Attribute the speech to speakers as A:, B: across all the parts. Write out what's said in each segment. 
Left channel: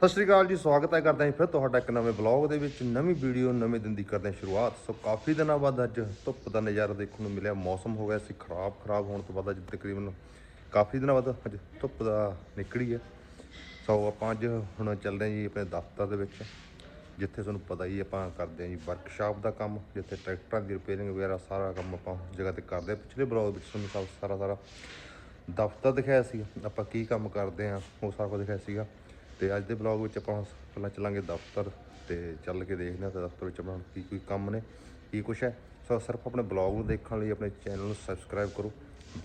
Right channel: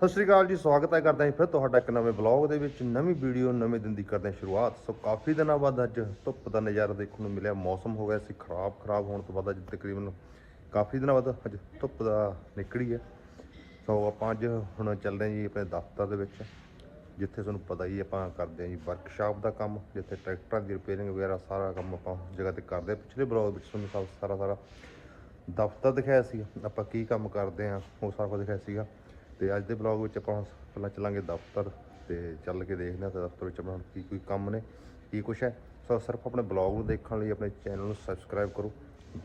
A: ਸਤਿ ਸ਼੍ਰੀ ਅਕਾਲ ਜੀ, ਸਵਾਗਤ ਹੈ ਕਰਦਾ ਹਾਂ ਫਿਰ ਤੁਹਾਡਾ ਇੱਕ ਨਵੇਂ ਵਲੌਗ ਦੇ ਵਿੱਚ। ਨਵੀਂ ਵੀਡੀਓ, ਨਵੇਂ ਦਿਨ ਦੀ ਕਰਦੇ ਹਾਂ ਸ਼ੁਰੂਆਤ। ਸੋ ਕਾਫੀ ਦਿਨਾਂ ਬਾਅਦ ਅੱਜ ਧੁੱਪ ਦਾ ਨਜ਼ਾਰਾ ਦੇਖਣ ਨੂੰ ਮਿਲਿਆ, ਮੌਸਮ ਹੋ ਗਿਆ ਸੀ ਖਰਾਬ ਖਰਾਬ ਹੋਣ ਤੋਂ ਬਾਅਦ ਅੱਜ ਤਕਰੀਬਨ ਕਾਫੀ ਦਿਨਾਂ ਬਾਅਦ ਅੱਜ ਧੁੱਪ ਦਾ ਨਿਕਲੀ ਹੈ। ਸੋ ਆਪਾਂ ਅੱਜ ਹੁਣ ਚੱਲਦੇ ਹਾਂ ਜੀ ਆਪਣੇ ਦਫ਼ਤਰ ਦੇ ਵਿੱਚ, ਜਿੱਥੇ ਤੁਹਾਨੂੰ ਪਤਾ ਹੀ ਆਪਾਂ ਕਰਦੇ ਹਾਂ ਜੀ ਵਰਕਸ਼ਾਪ ਦਾ ਕੰਮ, ਜਿੱਥੇ ਟਰੈਕਟਰਾਂ ਦੀ ਰਿਪੇਅਰਿੰਗ ਵਗੈਰਾ ਸਾਰਾ ਕੰਮ ਆਪਾਂ ਉਸ ਜਗ੍ਹਾ ਤੇ ਕਰਦੇ ਹਾਂ। ਪਿਛਲੇ ਬਲੌਗ ਵਿੱਚ ਤੁਹਾਨੂੰ ਸਭ ਸਾਰਾ ਸਾਰਾ ਦਫ਼ਤਰ ਦਿਖਾਇਆ ਸੀ ਆਪਾਂ ਕੀ ਕੰਮ ਕਰਦੇ ਆ ਉਹ ਸਾਰਾ ਕੁਝ ਦਿਖਾਇਆ ਸੀਗਾ। ਤੇ ਅੱਜ ਦੇ ਬਲੌਗ ਵਿੱਚ ਆਪਾਂ ਪਹਿਲਾਂ ਚੱਲਾਂਗੇ ਦਫ਼ਤਰ ਤੇ ਚੱਲ ਕੇ ਦੇਖਦੇ ਹਾਂ ਤੇ ਦਫ਼ਤਰ ਵਿੱਚ ਆਪਣਾ ਕੀ ਕੋਈ ਕੰਮ ਨੇ, ਕੀ ਕੁਛ ਹੈ। ਸੋ ਸਿਰਫ ਆਪਣੇ ਬਲੌਗ ਨੂੰ ਦੇਖਣ ਲਈ ਆਪਣੇ ਚੈਨਲ ਨੂੰ ਸਬਸਕ੍ਰਾਈਬ ਕਰੋ।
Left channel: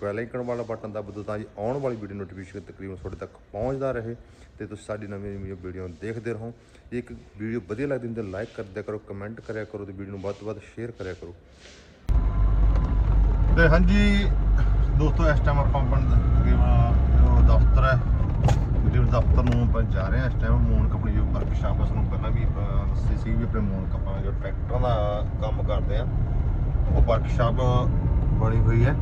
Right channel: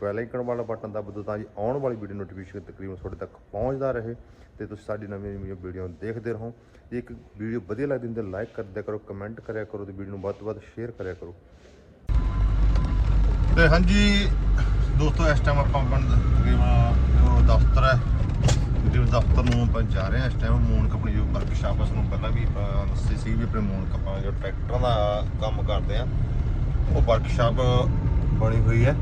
A: ਬੈਲ ਆਈਕਨ ਵਾਲਾ ਬਟਨ ਦਬਾ ਦਿਓ ਤਾਂ ਜੀ ਆਉਣ ਵਾਲੀ ਵੀਡੀਓ ਨੋਟੀਫਿਕੇਸ਼ਨ ਤਕਰੀਬਨ ਤੁਹਾਡੇ ਤੱਕ ਪਹੁੰਚਦਾ ਰਹੇ ਤੇ ਤੁਸੀਂ ਸਾਡੀ ਨਵੀਂ ਨਵੀਂ ਵੀਡੀਓ ਦੇਖਦੇ ਰਹੋ। ਜੇ ਇੱਕ ਵੀਡੀਓ ਵਧੀਆ ਲੱਗਦੀ ਤਾਂ ਲਾਈਕ ਕਰ ਕਰੋ ਕਮੈਂਟ ਕਰਿਆ ਕਰੋ ਤੇ ਵੀਡੀਓ ਨੂੰ ਵੱਧ ਤੋਂ ਵੱਧ ਸ਼ੇਅਰ ਕਰਿਆ ਕਰੋ। ਤੇ ਹਾਂਜੀ, ਦੋਸਤੋ, ਇਸ ਟਾਈਮ ਆਪਾਂ ਆਪਣਾ ਤਕਰੀਬਨ ਜੋ ਦਫ਼ਤਰ ਹੈ ਜਿਹੜੇ ਦਫ਼ਤਰ ਨੂੰ ਆਪਾਂ ਜਾ ਰਹੇ ਹਾਂ ਇਸ ਟਾਈਮ ਮੂਨ ਕੰਪਨੀ ਜੋ ਵਰਕਸ਼ਾਪ ਹੈ ਸਾਨੂੰ ਪਹਿਲਾਂ ਵੀ ਆਪਾਂ ਸੀ ਵੀ ਆਪਣੇ ਮੂਨ ਕੰਪਨੀ ਜੋ ਟਰੈਕਟਰਾਂ ਦਾ ਕੰਮ ਕਰਦੇ ਆ ਉਹ ਵਰਕਸ਼ਾਪ ਬਣੀ ਹੋਈ ਹੈ।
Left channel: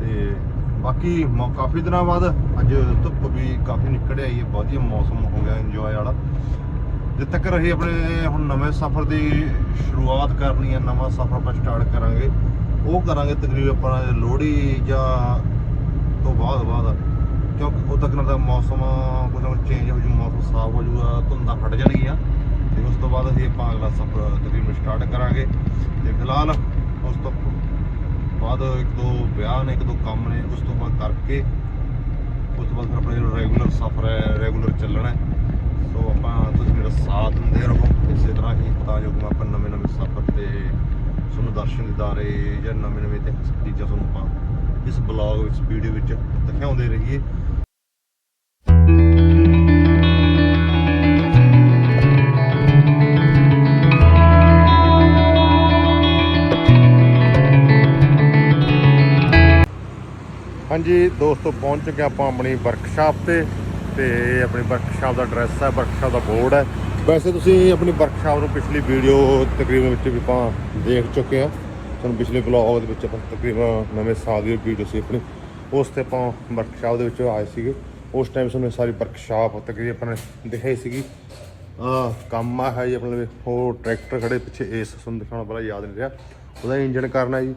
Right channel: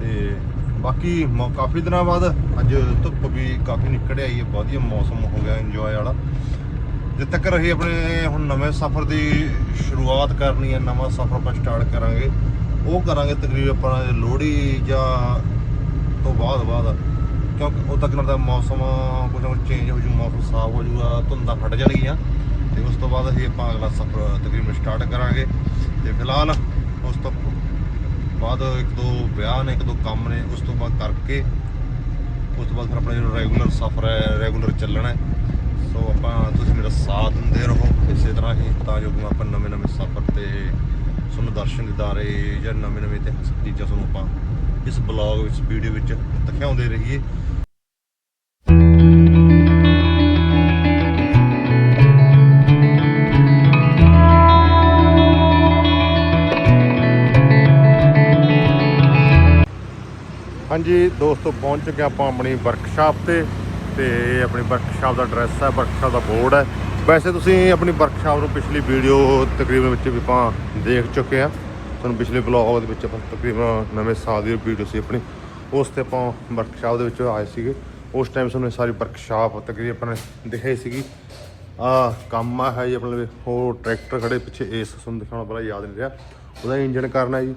A: ਤੇ ਬਾਕੀ ਕਾਫੀ ਦਿਨਾਂ ਬਾਅਦ ਅੱਜ ਧੁੱਪ ਵੀ ਕਾਫੀ ਨਿਕਲ ਆਈ ਹੈ ਵਧੀਆ ਮੌਸਮ ਹੋ ਗਿਆ ਇੰਜੋਏ ਵਾਲਾ। ਜਿੱਥੇ ਤੱਕ ਰਹੀ ਆਪਣੇ ਹੁਣ ਨਵੇਂ ਸਫ਼ਰ ਦੀ ਸ਼ੁਰੂਆਤ ਕਰਨੀ ਹੈ, ਨਵਾਂ ਸਫ਼ਰ ਆਪਾਂ ਸਟਾਰਟ ਕਰਾਂਗੇ, ਉਹ ਕਰਾਂਗੇ ਤਕਰੀਬਨ ਆਪਾਂ ਲੋਹੜੀ ਜਾਂ ਤੋਂ ਬਾਅਦ ਬਾਅਦ। ਕਿਉਂਕਿ ਉਦੋਂ ਤੱਕ ਦਾ ਮੌਸਮ ਕੁਝ ਨਾ ਕੁਝ ਚੇਂਜ ਹੋ ਜੂ, ਮੌਸਮ ਸਾਫ਼ ਹੋ ਜੂਗਾ, ਧੁੰਦਾਂ ਫਟ ਜਾਣਗੀਆਂ। ਤੇ ਉਸ ਤੋਂ ਬਾਅਦ ਅਸੀਂ ਆਪਾਂ ਅਗਲਾ ਸਫ਼ਰ ਤਕਰੀਬਨ ਸਟਾਰਟ ਕਰਾਂਗੇ। ਤੇ ਫਿਲਹਾਲ ਉਸ ਤੋਂ ਬਾਅਦ ਇੱਕ ਦੋ ਵਿਆਹ ਨੇ, ਇੱਕ ਦੋ ਕੰਮ ਨੇ, ਉਸ ਤੋਂ ਬਾਅਦ ਕਰਕੇ ਉਸ ਤੋਂ ਬਾਅਦ ਫਿਰ ਆਪਣਾ ਜਿਹੜਾ ਰੈਗੂਲਰ ਸਫ਼ਰ ਹੈ ਰੈਗੂਲਰ ਚੱਲਣਾ ਸੋ ਆਪਾਂ ਤੁਸੀਂ ਮੇਰਾ ਸਾਥ ਦਿੰਦੇ ਰਹੋ। ਇਸੇ ਤਰ੍ਹਾਂ ਹੀ ਤਾਂ ਜੋ ਕਿ ਆਪਾਂ ਨਵੇਂ ਨਵੇਂ ਸਫ਼ਰ ਤੇ ਤੁਹਾਨੂੰ ਦਰਸ਼ਨ ਦਿਦਾਰੇ ਜਾਂ ਨਵੇਂ ਨਵੇਂ ਇਤਿਹਾਸਕ ਚੀਜ਼ਾਂ ਤੁਹਾਨੂੰ ਆਪਾਂ ਇਸ ਬਲੌਗ ਵਿੱਚ, ਵੀਡੀਓ ਵਿੱਚ ਦਿਖਾਉਂਦੇ ਰਹੀਏ। ਹਾਂਜੀ, ਦੋਸਤੋ, ਪਹੁੰਚ ਚੁੱਕੇ ਆਪਾਂ ਆਪਣੀ ਵਰਕਸ਼ਾਪ ਤੇ ਤੇ ਆਪਣੀ ਵਰਕਸ਼ਾਪ ਦਾ ਐਡਰੈਸ ਹੈ ਵਰਕਸ਼ਾਪ ਦਾ ਬੋਰਡ ਹੈ। ਵੈਸੇ ਤੁਸੀਂ ਆਪਣੀ ਵਰਕਸ਼ਾਪ ਨੂੰ ਪਿਛਲੀ ਵੀਡੀਓ ਤਕਰੀਬਨ ਵਿੱਚ ਵੀ ਆਪਾਂ ਦੇਖ ਚੁੱਕੇ ਆ। ਤੁਹਾਨੂੰ ਪਿਛਲੇ ਬਲੌਗ ਦੇ ਵਿੱਚ ਆਪਾਂ ਤਕਰੀਬਨ ਨਵੇਂ ਸਾਲ ਦੀ ਵੀਡੀਓ ਸੀ ਆਪਣੀ। ਉਸ ਤੇ ਆਪਾਂ ਵਰਕਸ਼ਾਪ ਦੇ ਵਿੱਚ ਆਏ ਸੀਗੇ। ਉਸ ਟਾਈਮ ਸਾਨੂੰ ਸਾਰੀ ਵਰਕਸ਼ਾਪ ਤਕਰੀਬਨ ਆਪਾਂ ਨੇ ਦਿਖਾਈ ਸੀਗੀ। ਆ ਕੰਮ ਆ, ਹੈ ਜੀ ਆਪਣੇ ਹੋਰ ਟਰੈਕਟਰ ਖੜੇ ਪਿੱਛੇ ਇਸ ਤੁਹਾਨੂੰ ਦਿਖਾਉਣਾ ਬੜਾ ਯਾਦ ਨਹੀਂ ਰਿਹਾ। ਉਹਦਾ ਇੰਜਨ ਕਰਨਾ ਜੀ।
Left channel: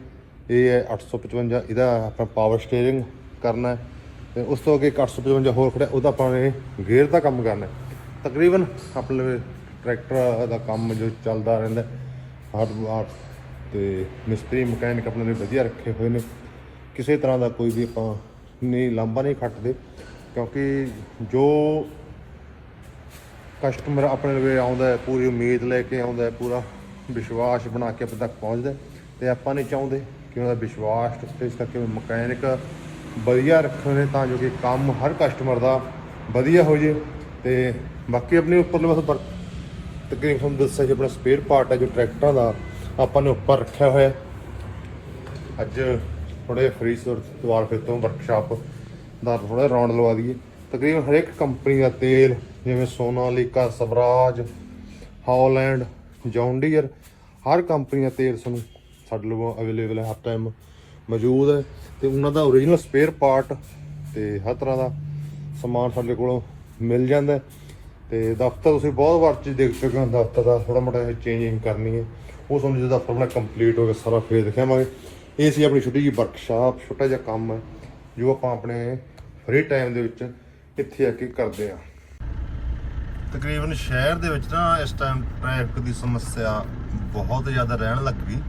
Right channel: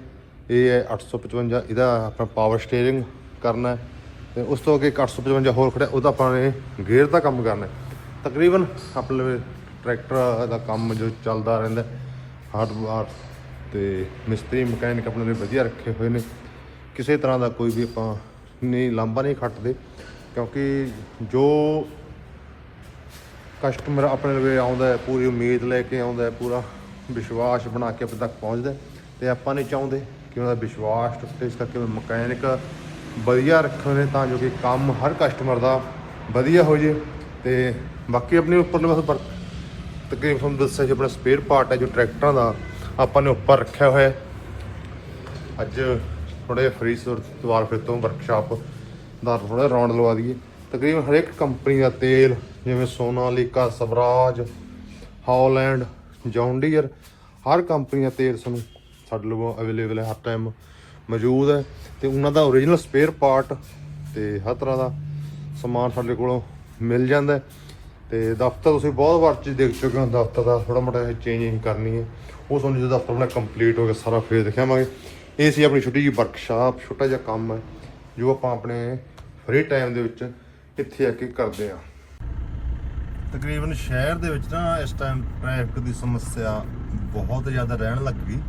A: ਇਹ ਹੈ 855 ਇਹਦਾ ਆਪਾਂ ਪਾਵਰ ਸਟੀਅਰਿੰਗ ਕਰਨਾ ਹੈ। ਤੇ ਉਸ ਤੋਂ ਅੱਗੇ ਇੱਕ 855 ਹੋਰ ਖੜਾ ਉਹਦਾ ਆਪਾਂ ਨੇ ਗੇਅਰ ਦਾ ਕੰਮ ਕਰਨਾ ਤਕਰੀਬਨ ਆਪਣੇ ਟਰੈਕਟਰ ਦਾ ਕੰਮ ਜੋ ਚੱਲਦਾ ਰਹਿੰਦਾ ਹਾਰਡਵੇਅਰ ਤੇ ਮਿਸਤਰੀ, ਮਕੈਨਿਕ ਆਪਣੇ ਲਈ ਵਧੀਆ ਰੱਖੇ ਹੋਏ ਨੇ। ਕਿਸੇ ਤਰ੍ਹਾਂ ਦਾ ਕੋਈ ਵੀ ਆਪਾਂ ਨਹੀਂ, ਲਾਂਭਾ ਨਹੀਂ ਖੱਟਦੇ, ਕਿਉਂਕਿ ਜੋ ਕਸਟਮਰ ਆਪਣੇ ਲਈ ਆਉਂਦਾ ਹੈ, ਪੂਰੀ ਉਮੀਦ ਲੈ ਕੇ ਆਉਂਦਾ ਹੈ, ਪੂਰਾ ਵਿਸ਼ਵਾਸ ਬਣਾ ਕੇ ਆਪਣੇ ਤੱਕ ਪਹੁੰਚਦਾ ਹੈ, ਤੇ ਆਪਾਂ ਨਹੀਂ ਚਾਹੁੰਦੇ ਕਿ ਉਹਦਾ ਵਿਸ਼ਵਾਸ ਟੁੱਟੇ, ਇਸ ਕਰਕੇ ਮਕੈਨਿਕ ਵਧੀਆ ਰੱਖਣ ਨੇ, ਤਾਂ ਜੋ ਕਿ ਕੰਮ ਹਰ ਕਸਟਮਰ ਦਾ ਵਧੀਆ ਹੋ ਜੇ, ਤੇ ਬਾਕੀ ਆਪਣੇ ਉੱਪਰਲੇ ਬਸ ਵਰ- ਤਕਰੀਬਨ ਤੁਹਾਨੂੰ ਦੱਸਿਆ ਜੀ ਆਪਣਾ ਸਪੇਅਰ ਪਾਰਟ ਹੈ ਜੋ ਟਰੈਕਟਰਾਂ ਦਾ ਆਪਾਂ ਨੇ ਉੱਪਰ ਰੱਖਿਆ ਹੋਇਆ ਅੱਜ ਥੋੜਾ ਜਿਹਾ ਫਰੀ ਦੁਬਾਰਾ ਫਿਰ ਤੋਂ ਵਰਕਸ਼ਾਪ ਦਾ ਥੋੜਾ ਰੌਂਡ ਲਵਾ ਦਈਏ। ਤਕਰੀਬਨ ਹਰੇਕ ਕੰਪਨੀ ਦਾ ਤੇਲ, ਜਿਵੇਂ Sonalika Swaraj, Holland John Deere ਹਰ ਕੰਪਨੀ ਦਾ ਤੇਲ ਸਾਨੂੰ ਸਾਡੇ ਕੋਲ ਅਵੇਲੇਬਲ ਹੈ, ਹਰ ਟਾਈਮ ਮੌਜੂਦ ਹੈ। ਤੇ ਉਹਨਾਂ ਦਾ ਓਰੀਜਨਲ ਸਪੇਅਰ ਪਾਰਟ ਤੇ ਹਰ ਤਰ੍ਹਾਂ ਦਾ ਸਮਾਨ ਸਾਡੇ ਕੋਲੋਂ ਮਿਲ ਜਾਂਦਾ ਹੈ। ਤੇ ਦਫ਼ਤਰ ਤੁਸੀਂ ਬਹੁਤ ਵਾਰ 'ਚ ਦੇਖ ਚੁੱਕੇ ਹੋ, ਦਫ਼ਤਰ ਦਾ ਥੋੜਾ ਮੋਟਾ ਚੇਂਜਿੰਗ ਕਰਨੀ ਹੈ। ਉਹ ਤੁਹਾਨੂੰ ਜਦੋਂ ਦਫ਼ਤਰ ਆਪਣਾ ਕੰਪਲੀਟ ਹੋ ਗਿਆ, ਸਾਰਾ ਫੇਰ ਦਿਖਾਵਾਂਗੇ। ਇਹ ਸੀ ਆਪਣੀ ਛੋਟੀ ਜਿਹੀ ਵਰਕਸ਼ਾਪ ਛੋਟਾ ਜਿਹਾ ਕੰਮ ਹੈ ਜੋ ਆਪਾਂ ਆਪਣੇ ਫ੍ਰੀ ਟਾਈਮ ਦੇ ਵਿੱਚ ਇੱਥੇ ਆ ਕੇ ਕਰਦੇ ਆ ਤਕਰੀਬਨ ਸ਼ਹਿਰ ਦੇ ਵਿੱਚ ਨਾ ਇਸ ਟਾਈਮ ਟ੍ਰੈਫਿਕ ਦੀ ਸਮੱਸਿਆ ਬਹੁਤ ਜ਼ਿਆਦਾ ਰਹਿਣ ਲੱਗ ਗਈ।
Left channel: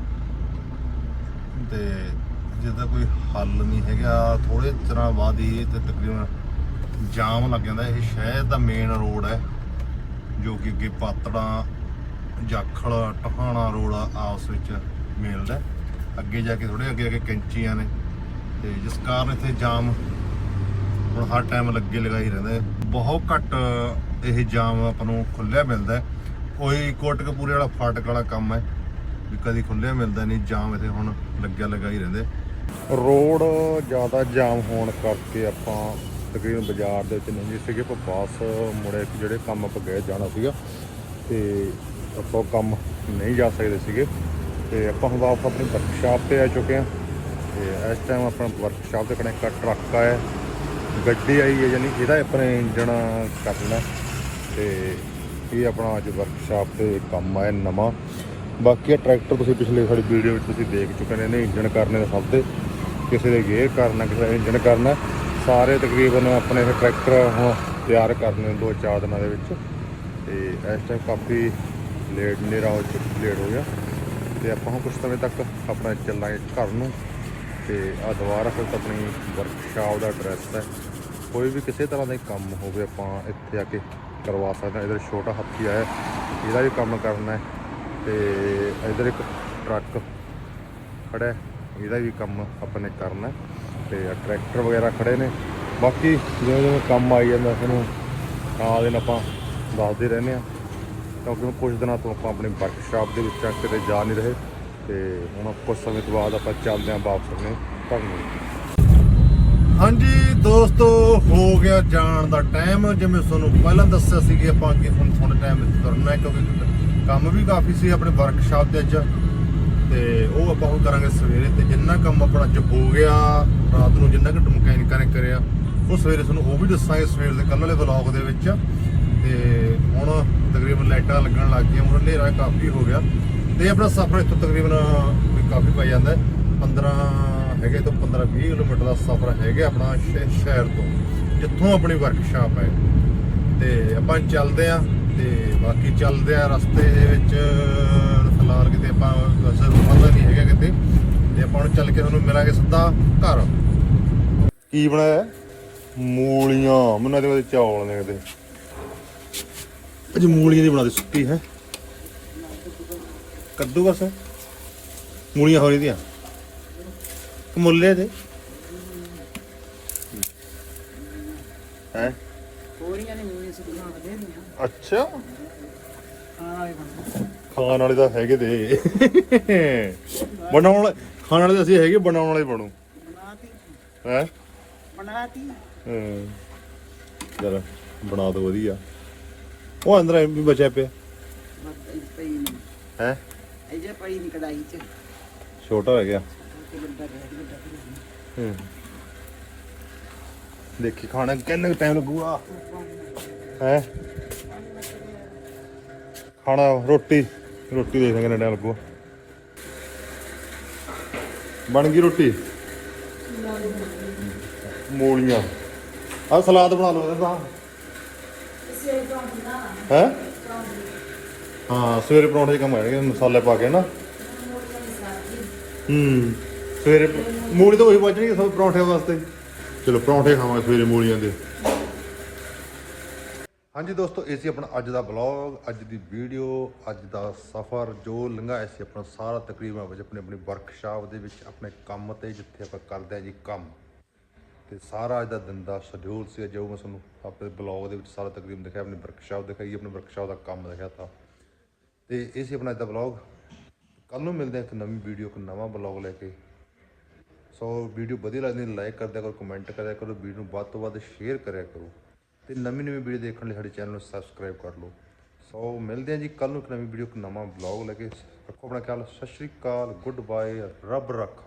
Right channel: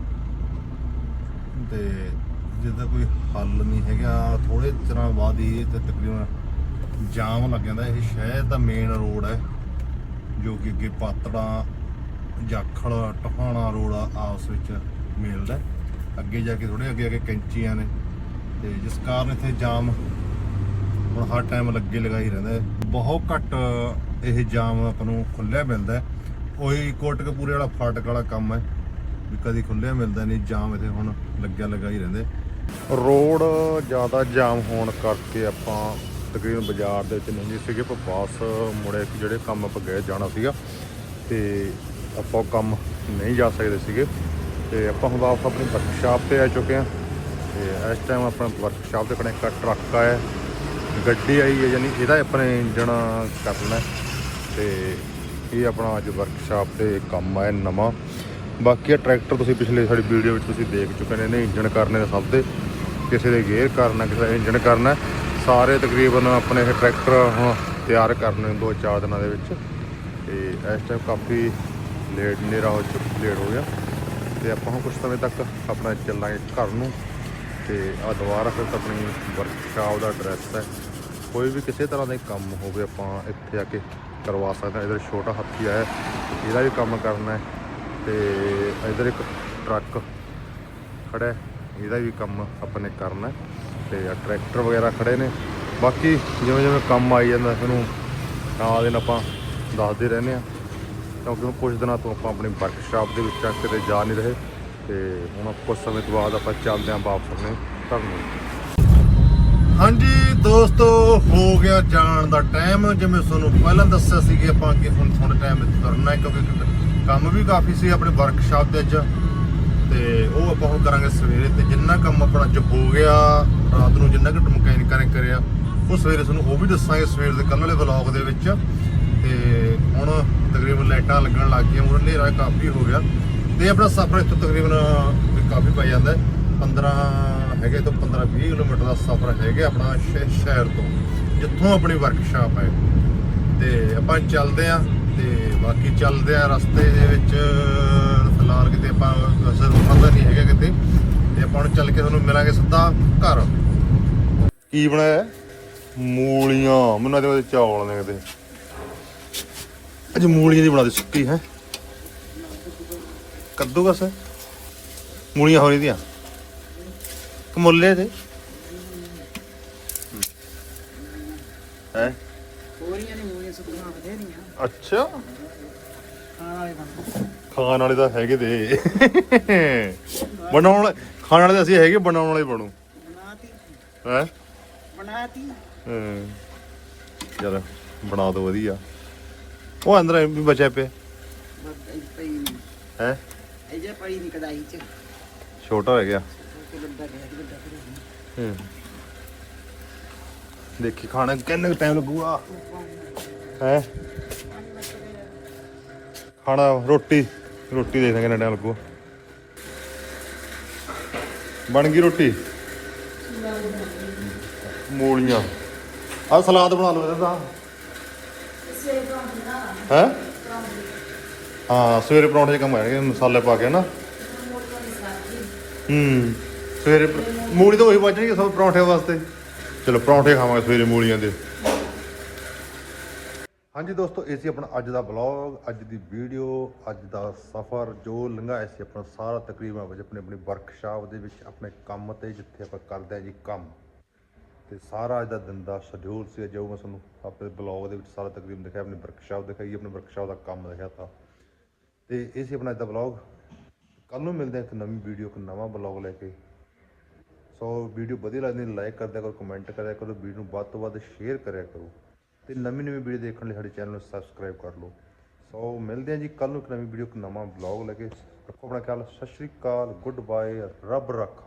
A: ਤੇ ਜਿਹਦਾ ਕੋਈ ਹੱਲ ਨਹੀਂ ਹੈਗਾ ਥੋੜੇ ਚਿਰਾਂ ਬਾਅਦ ਹੀ ਤੇ ਤਕਰੀਬਨ ਜਾਮ ਲੱਗ ਜਾਂਦਾ। ਇਹ ਸ਼ਹਿਰ ਦਾ ਮੇਨ ਰੋਡ ਹੈ, ਜੋ ਕਿ ਅੱਗੇ ਪਾਤੜਾ, ਜਾਖਲ, ਟਹਾਣਾ ਰੋਡ ਆਪਸ ਵਿੱਚ ਮਿਲਦਾ ਅੱਗੇ ਜਾ ਕੇ ਥੋੜੇ ਅੱਗੇ ਅੱਗੇ ਕੈਂਚੀਆਂ ਨੇ, ਤੇ ਜਿਸ ਕਾਰਨ ਇੱਥੇ ਜਾਮ ਹੁਣ ਹਰ ਟਾਈਮ ਲੱਗੇ ਲਗਾਈ ਰਹਿੰਦਾ ਬਹੁਤ ਘੱਟ ਇਹ ਜਾਮ ਆਪਾਂ ਨੂੰ ਖੁੱਲਿਆ ਮਿਲਦਾ ਕੋਈ ਕੋਟਕਪੂਰੇ ਵਾਲਾ ਫਾਟਕ ਵਾਲਾ ਕੰਮ ਹੈ, ਵੀ ਕਦੀ ਖੁੱਲਿਆ ਮਿਲਦਾ ਨਹੀਂ, ਜਾਮ ਇੱਥੇ ਹੁਣ ਲੱਗਿਆ ਲਗਾਈ ਰਹਿੰਦਾ ਰੋਡ ਜ਼ਿਆਦਾ ਜਾਮ ਹੋਣ ਕਰਕੇ ਆਪਾਂ ਤਕਰੀਬਨ ਬਾਜ਼ਾਰ ਦੇ ਵਿੱਚ ਨਹੀਂ ਸੀਗੇ, ਆਪਾਂ ਪਾਸ ਮੁੜੇ ਕਿ ਜਿਹੜੇ ਕੰਮ ਆਪਾਂ ਗਏ ਜਾਣਾ ਸੀਗਾ ਤੇ ਆਪਾਂ ਉਹ ਕੰਮ ਨਹੀਂ ਜਾ ਸਕਦੇ ਸੀਗੇ। ਤੇ ਆਪਾਂ ਹੁਣ ਵਾਪਸ ਆਪਣੀ ਵਰਕਸ਼ਾਪ ਤੇ ਆ ਚੁੱਕੇ ਹਾਂ। ਤੇ ਇਸ ਟਾਈਮ ਆਪਣਾ ਵਰਕਸ਼ਾਪ 'ਤੇ ਕੋਲ ਇੱਕ ਟਰੱਕ ਆਇਆ। ਗੱਡੀ ਆਈ ਹੈ, ਯਾਨੀ ਇਹਦਾ ਆਪਣੇ ਇੰਜਣ ਕਰਨਾ। ਹੈ। ਤੇ ਇਹ ਆਪਣਾ ਅੱਜ ਵਰਕਸ਼ਾਪ ਤੇ ਕੰਮ ਆਇਆ ਨਵਾਂ। ਬਾਕੀ ਇਹ ਟਰੈਕਟਰ ਤੁਸੀਂ ਪਿਛਲੇ ਸਾਡੀ ਵੀਡੀਓ ਵਿੱਚ ਤੁਸੀਂ ਦੇਖ ਚੁੱਕੇ ਨੇ, ਇਹਨੇ ਇੰਜਨ ਕਰਨੇ ਨੇ ਸਭ ਤੇ। ਕਿਸੇ ਦੇ ਗੇਅਰ ਕਰਨਾ, ਕਿਸੇ ਦਾ ਇੰਜਨ ਕਰਨਾ। ਸਾਰੇ ਤਕਰੀਬਨ ਆਪਣੇ ਇਹ ਟਰੈਕਟਰ ਹੁਣ ਤਿਆਰ ਕਰਨੇ ਦੋ ਚਾਰ ਦਿਨਾਂ ਦੇ ਵਿੱਚ। ਤੇ ਇਸ ਟਾਈਮ ਕਾਫੀ ਲੇਟ ਨੇਰਾ ਹੋ ਚੁੱਕਾ ਲੇਟ ਹੋ ਗਿਆ। ਤੇ ਆਪਾਂ ਹੁਣ ਕੁਝ ਸਮੇਂ ਤੱਕ ਆਪਣਾ ਚੱਲਾਂਗੇ ਘਰ ਨੂੰ। ਤੇ ਆ ਦੁਬਾਰਾ ਫਿਰ ਆਪਣੀ ਵਰਕਸ਼ਾਪ ਦਾ ਐਡਰੈਸ ਹੈ। ਕੋਈ ਵੀ ਕਿਸੇ ਤਰ੍ਹਾਂ ਦਾ ਹੀ ਕੰਮ ਹੋਵੇ ਆਪਾਂ ਇੱਥੇ ਆ ਕੇ ਕਰਵਾ ਸਕਦੇ ਹਾਂ। ਇਧਰ ਛੋਟਾ ਹਾਥੀ ਆਇਆ, ਇਹਦਾ ਵੀ ਕੰਮ ਕਰਨਾ ਹੈ। ਤੇ ਇਧਰ ਇੱਕ ਟਰੱਕ ਖੜਾ ਇਹਦਾ ਵੀ ਕੰਮ ਆਪਾਂ ਨੇ ਕਰਨਾ ਤੇ ਟਰੈਕਟਰ ਵਗੈਰਾ ਖੜੇ ਨੇ। ਬਾਕੀ ਜਿਵੇਂ ਜਿਵੇਂ ਕੰਮ ਆਈ ਜਾਂਦਾ, ਤੁਹਾਨੂੰ ਨਾਲ ਦਿਨ ਆਪਾਂ ਦੱਸਦੇ ਰਹਿੰਦੇ ਆ ਕਿਉਂਕਿ ਹੁਣ ਕੁਝ ਦਿਨਾਂ ਤੋਂ ਆਪਾਂ ਆਪਣੀ ਵਰਕਸ਼ਾਪ ਦੇ ਵਿੱਚ ਕਿਤੇ ਜਾ ਨਹੀਂ ਰਹੇ। ਤੇ ਹੁਣ ਕੁਝ ਸਮੇਂ ਤੋਂ ਬਾਅਦ ਆਪਾਂ ਚੱਲਦੇ ਆਂ ਵਾਪਸ ਆਪਣੇ ਘਰ ਨੂੰ। ਹਾਂਜੀ, ਦੋਸਤੋ, ਹੋ ਗਿਆ ਜਾਣ ਦਾ ਟਾਈਮ ਜਿਵੇਂ ਤੁਹਾਨੂੰ ਪਹਿਲਾਂ ਦੱਸਿਆ ਸੀ ਕਿ ਆਪਾਂ ਅੱਗੇ ਹੁਣ ਥੋੜਾ ਟਾਈਮ ਵਿੱਚ ਕਰਨਾ ਹੈ, ਕਿਉਂਕਿ ਕੰਮ ਵੀ ਕਾਫੀ ਸੀ ਆਪਣੇ ਵਰਕਸ਼ਾਪ ਦੇ ਵਿੱਚ। ਤੇ ਉਹ ਆਪਾਂ ਹੁਣ ਕਰਾਂਗੇ ਸਵੇਰੇ ਤੇ ਜਿੰਨਾ ਕੰਮ ਆਪਣਾ ਚ ਹੋ ਗਿਆ, ਰਾਤ ਨੂੰ ਜਿੰਨਾ ਕੁ ਮਕੈਨਿਕਾਂ ਨੇ ਕਰਿਆ, ਉਹ ਸਵੇਰੇ ਤੁਹਾਨੂੰ ਉਹ ਵੀ ਦੱਸਾਂਗੇ ਸਵੇਰ ਦੇ ਕੱਲ੍ਹ ਵਾਲੇ ਵਲੌਗ ਦੇ ਵਿੱਚ। ਤੇ ਹੁਣ ਤਕਰੀਬਨ ਲਾਈਟਾਂ ਲੱਗਣ ਲੱਗ ਗਈਆਂ, ਹੁਣ ਹਨੇਰਾ ਕਾਫੀ ਹੋ ਗਿਆ। ਤੇ ਆਪਣਾ ਸਫ਼ਰ ਇੱਥੋਂ ਤਕਰੀਬਨ ਕਾਫੀ ਪੈ ਜਾਂਦਾ ਹੈ। 15 ਹੈਗੇ ਤੋਂ 15 20 ਕਿਲੋਮੀਟਰ ਦਾ ਸਫ਼ਰ ਹੈਗਾ ਆਪਣਾ ਸ਼ਹਿ- ਸ਼ਹਿਰ ਤੋਂ, ਜਿੱਥੋਂ ਆਪਣੀ ਵਰਕਸ਼ਾਪ ਹੈ। ਤੇ ਆਪਾਂ ਚੱਲਦੇ ਆਂ ਤੇ ਬਾਕੀ ਚੱਲਦੇ ਆ ਰਸਤੇ ਦੇ ਵਿੱਚ। ਫਿਲਹਾਲ ਕਿਤੇ ਆਪਾਂ ਅਸਰ ਰੁਕਦਾ ਨਹੀਂ ਹੈਗਾ ਕਿਤੇ। ਤੇ ਆਪਾਂ ਹੁਣ ਚੱਲ ਕੇ ਤੁਹਾਨੂੰ ਮਿਲਾਂਗੇ ਸਿੱਧਾ ਘਰ। ਕੀ ਬਣਾਇਆ? ਮੂਲੀਆਂ। ਮੈਨੂੰ ਵਿੱਚ ਚੌਲ ਨੇ ਕਿਤੇ। ਅੱਜ ਮੂਲੀਆਂ ਦੀ ਬਣਾ ਦੇ ਸੁੱਕੀ ਹੈ। ਕੱਦੂਕਸ ਮੂਲੀਆਂ ਹੋਈ ਦੀਆਂ ਕਮੁੱਲੇ ਤੇ ਹੈ।
B: ਹੋਰੀਆਂ ਨਹੀਂ ਹੋਈਆਂ ਸੁੱਕੀਆਂ ਬਥੇਰੀਆਂ
A: ਅੱਛਾ।
B: ਖਾਣ ਵਾਲੇ ਬੰਦੇ
A: ਖਾਣ ਵਾਲੇ ਤਾਂ ਹੈਗੇ ਤੇ। ਬਣਾਉਣ ਵਾਲੇ- ਖਾਣ ਵਾਲੇ ਤਾਂ ਅਸੀਂ ਹੈਗੇ, ਬਣਾਉਣ ਵਾਲੇ ਬਣੂ। ਹੈ?
B: ਬਣਾਤੀ
A: ਚਲ ਬਣਾ ਦੋ ਵਧੀਆ। ਉਹ ਅੰਦਰ ਵੀ ਬਚਿਆ ਪਿਆ। ਹੈ?
B: ਇਹ ਜੇ ਦੀ ਕੜਾਈ ਚ
A: ਛੋਟਾ ਹੋ ਗਿਆ। ਹੂੰ। ਦੇਖੀ, ਖਾਣਾ ਕਿੰਨਾ ਟਾਈਮ ਲੱਗੂਗਾ। ਹੈ? ਖਾਣਾ, ਰੋਟੀ। ਰੋਟੀ ਦੇਖਾਂਗੇ ਕਿੰਨਾ ਟਾਈਮ ਲੱਗੂ। ਬਣ ਗਈ ਰੋਟੀ? ਮੂਲੀਆਂ। ਆ ਸਲਾਦ ਬਣਾ ਲਓ ਇਹਦਾ ਹੈ? ਹਾਂ, ਸਵੇਰੇ ਪਰੌਂਠੇ 'ਚ ਕੰਮ ਆਏਗਾ ਮਸਾਲੇ ਪਾ ਕੇ ਨਾ। ਹੂੰ, ਸਵੇਰੇ ਮੂਲੀ ਤਾਂ ਉਹੀ ਬਚਣਗੇ ਸਭ ਪਰੌਂਠੇ ਵਾਸਤੇ। ਚਲੋ ਪਰੌਂਠੇ ਖਾਵਾਂਗੇ ਸਵੇਰੇ ਮੂਲੀਆਂ ਦੇ। ਹਾਂਜੀ ਦੋਸਤੋ, ਇਹ ਸੀ ਆਪਣਾ ਅੱਜ ਦਾ ਵਲੌਗ ਅੱਜ ਦੀ ਵੀਡੀਓ ਅੱਜ ਦਾ ਸਫ਼ਰ, ਜੋ ਲੰਘਾਇਆ ਸੀ ਆਪਣਾ ਸਾਰਾ ਤਕਰੀਬਨ ਵਿੱਚ ਆਪਣੇ ਆਪਣੀ ਵਰਕਸ਼ਾਪ ਦੇ ਵਿੱਚ, ਆਪਣੇ ਕੰਮ ਤੇ ਜਿੱਥੇ ਆਪਾਂ ਕਰਦੇ ਹਾਂ ਜੀ ਕੰਮ। ਤੇ ਸਾਰਾ ਅੱਜ ਦਾ ਦਿਨ ਦਾ ਸ਼ਡਿਊਲ ਸੀ ਜੋ ਮੈਂ ਤੁਹਾਨੂੰ ਆਪਣੇ ਬਲੌਗ ਦੇ ਵਿੱਚ ਸਾਰਾ ਤਕਰੀਬਨ ਦਿਖਾਇਆ, ਆਪਣੀ ਵਰਕਸ਼ਾਪ ਦਿਖਾਈ, ਆਪਣੀ ਵਰਕਸ਼ਾਪ ਦਾ ਕੰਮ ਦਿਖਾਇਆ ਤਾਂ। ਤੇ ਇਹ ਸੀ ਆਪਣਾ ਅੱਜ ਦਾ ਬਲੌਗ ਕੱਲ ਨੂੰ ਮਿਲਦੇ ਹਾਂ ਇੱਕ ਨਵੀਂ ਵੀਡੀਓ ਇੱਕ ਨਵਾਂ ਬਲੌਗ ਲੈ ਕੇ। ਸੋ ਵੀਡੀਓ ਵਧੀਆ ਲੱਗਦੀ ਲਾਈਕ ਕਰ ਕਰੋ ਕਮੈਂਟ ਕਰਿਆ ਕਰੋ ਵੀਡੀਓ ਨੂੰ ਵੱਧ ਤੋਂ ਵੱਧ ਸ਼ੇਅਰ ਕਰਿਆ ਕਰੋ। ਤੇ ਨਵੀਂ ਨਵੀਂ ਵੀਡੀਓ ਦੇਖਣ ਲਈ ਸਾਡੇ ਚੈਨਲ ਨੂੰ ਸਬਸਕ੍ਰਾਈਬ ਕਰ ਲਓ। ਸੋ ਮਿਲਦੇ ਹਾਂ ਜੀ ਕੱਲ ਨੂੰ ਇੱਕ ਨਵੀਂ ਵੀਡੀਓ, ਇੱਕ ਨਵਾਂ ਬਲੌਗ ਲੈ ਕੇ। ਰੱਖੋ ਆਪਣਾ ਖਿਆਲ, ਸਤਿ ਸ਼੍ਰੀ ਅਕਾਲ ਗੁੱਡ ਬਾਏ ਰੱਬ ਰੱਖਾ।